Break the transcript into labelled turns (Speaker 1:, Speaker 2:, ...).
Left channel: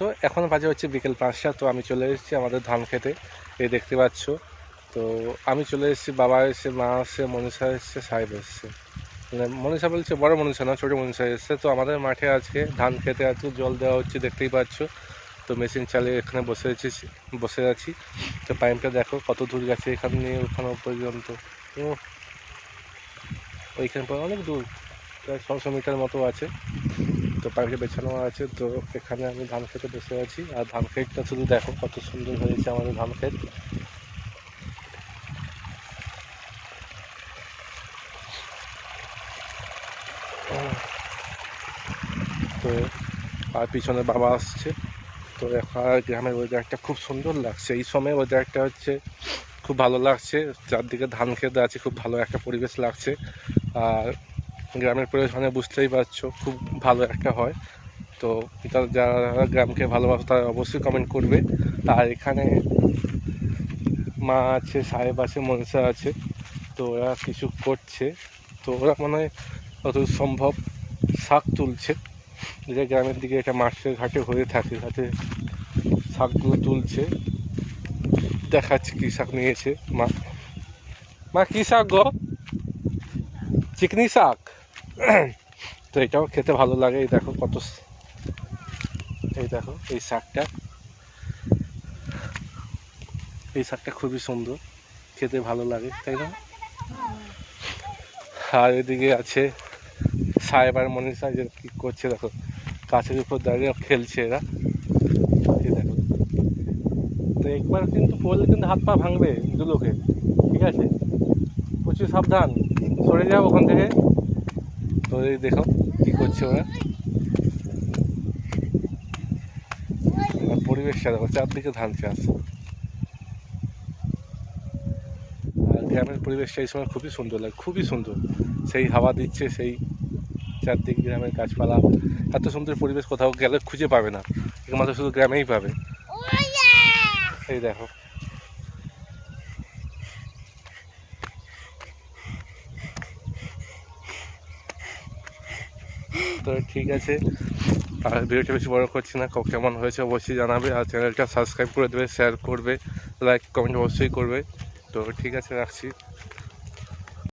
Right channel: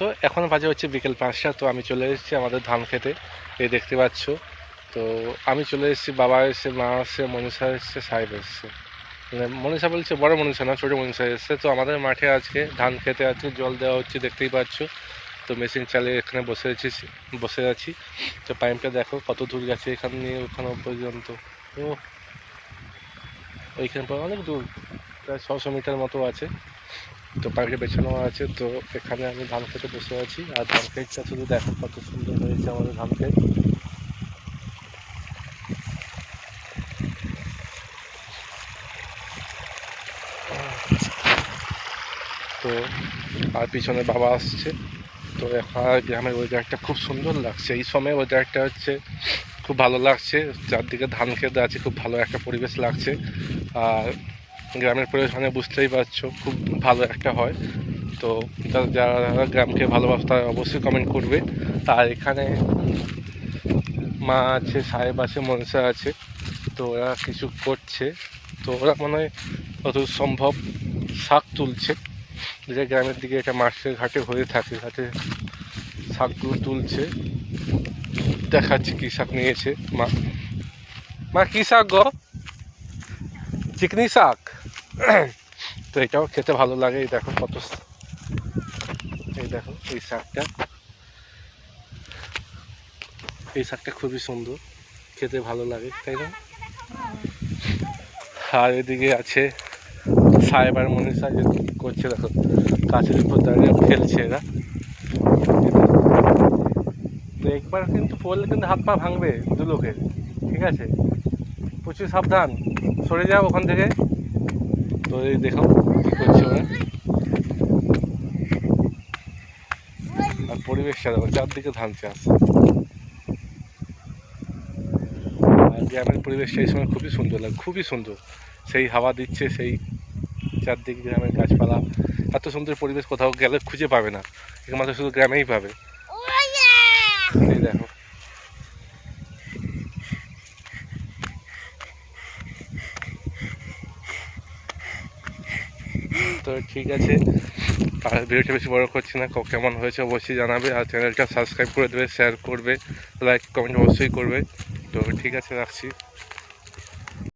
Speaker 1: তো এখন বাজে হচ্ছে বিকেল পাঁচটা, তো আমি চলে এসেছি আমাদের ধান খেতে। এই দেখতে পাচ্ছ। তো আমি চলে এসেছি, বাবা এসছে, মা এসছে, মনীষা এসছে, সাহেব এসছে। মানে মনীষা বলছে বড় মনীষা না, ছোটো মনীষা এসছে। তো আমাদের মাঠে আজকে ধান খেতে আছে জল দেওয়া হচ্ছে, দেখতেই পাচ্ছ। তো মেশিন চালিয়ে এখানে বসে আছি বসে আছি। তো পাইপটা দেখো, কত দূর গেছে এখান নিয়ে ওখানে পর্যন্ত। ওইখানে অনেক দূর, প্রায় ছশো মিটার মতো আছে। তো পাইপটা বেছানো আছে, তো এখানে আমি ধান খেতে বসে আছি। আর ধান ক্ষেতটা শুধু দেখো কত সুন্দর হয়েছে আমাদের ধান ক্ষেত তো আর পিছনে বাবা আসছে। তো এখন গ্রামের ওয়েদারটা খুব সুন্দর লাগছে। এই সময় ওয়েদারটা হচ্ছে খুব ভালো লাগছে। চারদিকে ধান খেতে আছে, খুব ভালো একটা পরিবেশ লাগছে। আর গ্রামের পরিবেশ মানে বুঝতেই পারছ, খুব ভালো একটা হয়। তো যারা গ্রামকে ভালোবাসে তারা অবশ্যই কমেন্ট করবে। আর এখানে মা আছে, সাহেব আছে, মনসা আছে, তো ওরা কিছু করছে। তো ওরা মনে হয় যত সম্ভব শাক তুলছে। যে গ্রামের দিকে এটা মাঠে ঘাটে হয়ে থাকে, ঘাটে শাকগুলো তুলছে। দেখাচ্ছে কী শাক নিয়েছে মা। মা, কী শাক গো? চিকনি শাক? তো এটাও খেতে ভালো লাগে, এই দেখো কত এই দেখো, এই শাকটা। এই শাকটা খুবই সুন্দর, খেতে ভালো লাগে, তাই না? আর এদিকে আছে সাহেব আর মনীষা যে করছে, দেখো, কাছের উপর দাঁড়িয়ে খেলছে এরা। তো একবার কিন্তু পড়লে কিন্তু হাত পা ভাঙবে দু লোকের ঠিক আছে? প্রচুর সাবধান, সরে যাও ওখান থেকে। তো এই দেখো কি করছে ওরা। আর পরিবেশ দেখো চারদিকে ধান চাষ। আর গ্রামের পরিবেশটা এই সময় খুবই সুন্দর লাগে খুবই সুন্দর। সেই হাওয়া দিচ্ছে সেই চারদিক গ্রামের গাছপালা। এত সুন্দর পরিবেশ কোথাও গেলে খুঁজে পাবে না। একমাত্র শুধু গ্রামেই পাবে। এই দেখো। তো ঠিক আছে। আর ভিডিওটা বেশি বড় করছি না কেমন হয়েছে অবশ্যই জানাবে। আর চ্যানেলটা সাবস্ক্রাইব করে দেবে শেয়ার করবে লাইক কমেন্ট অবশ্যই করবে। তো ঠিক আছে, রাখছি।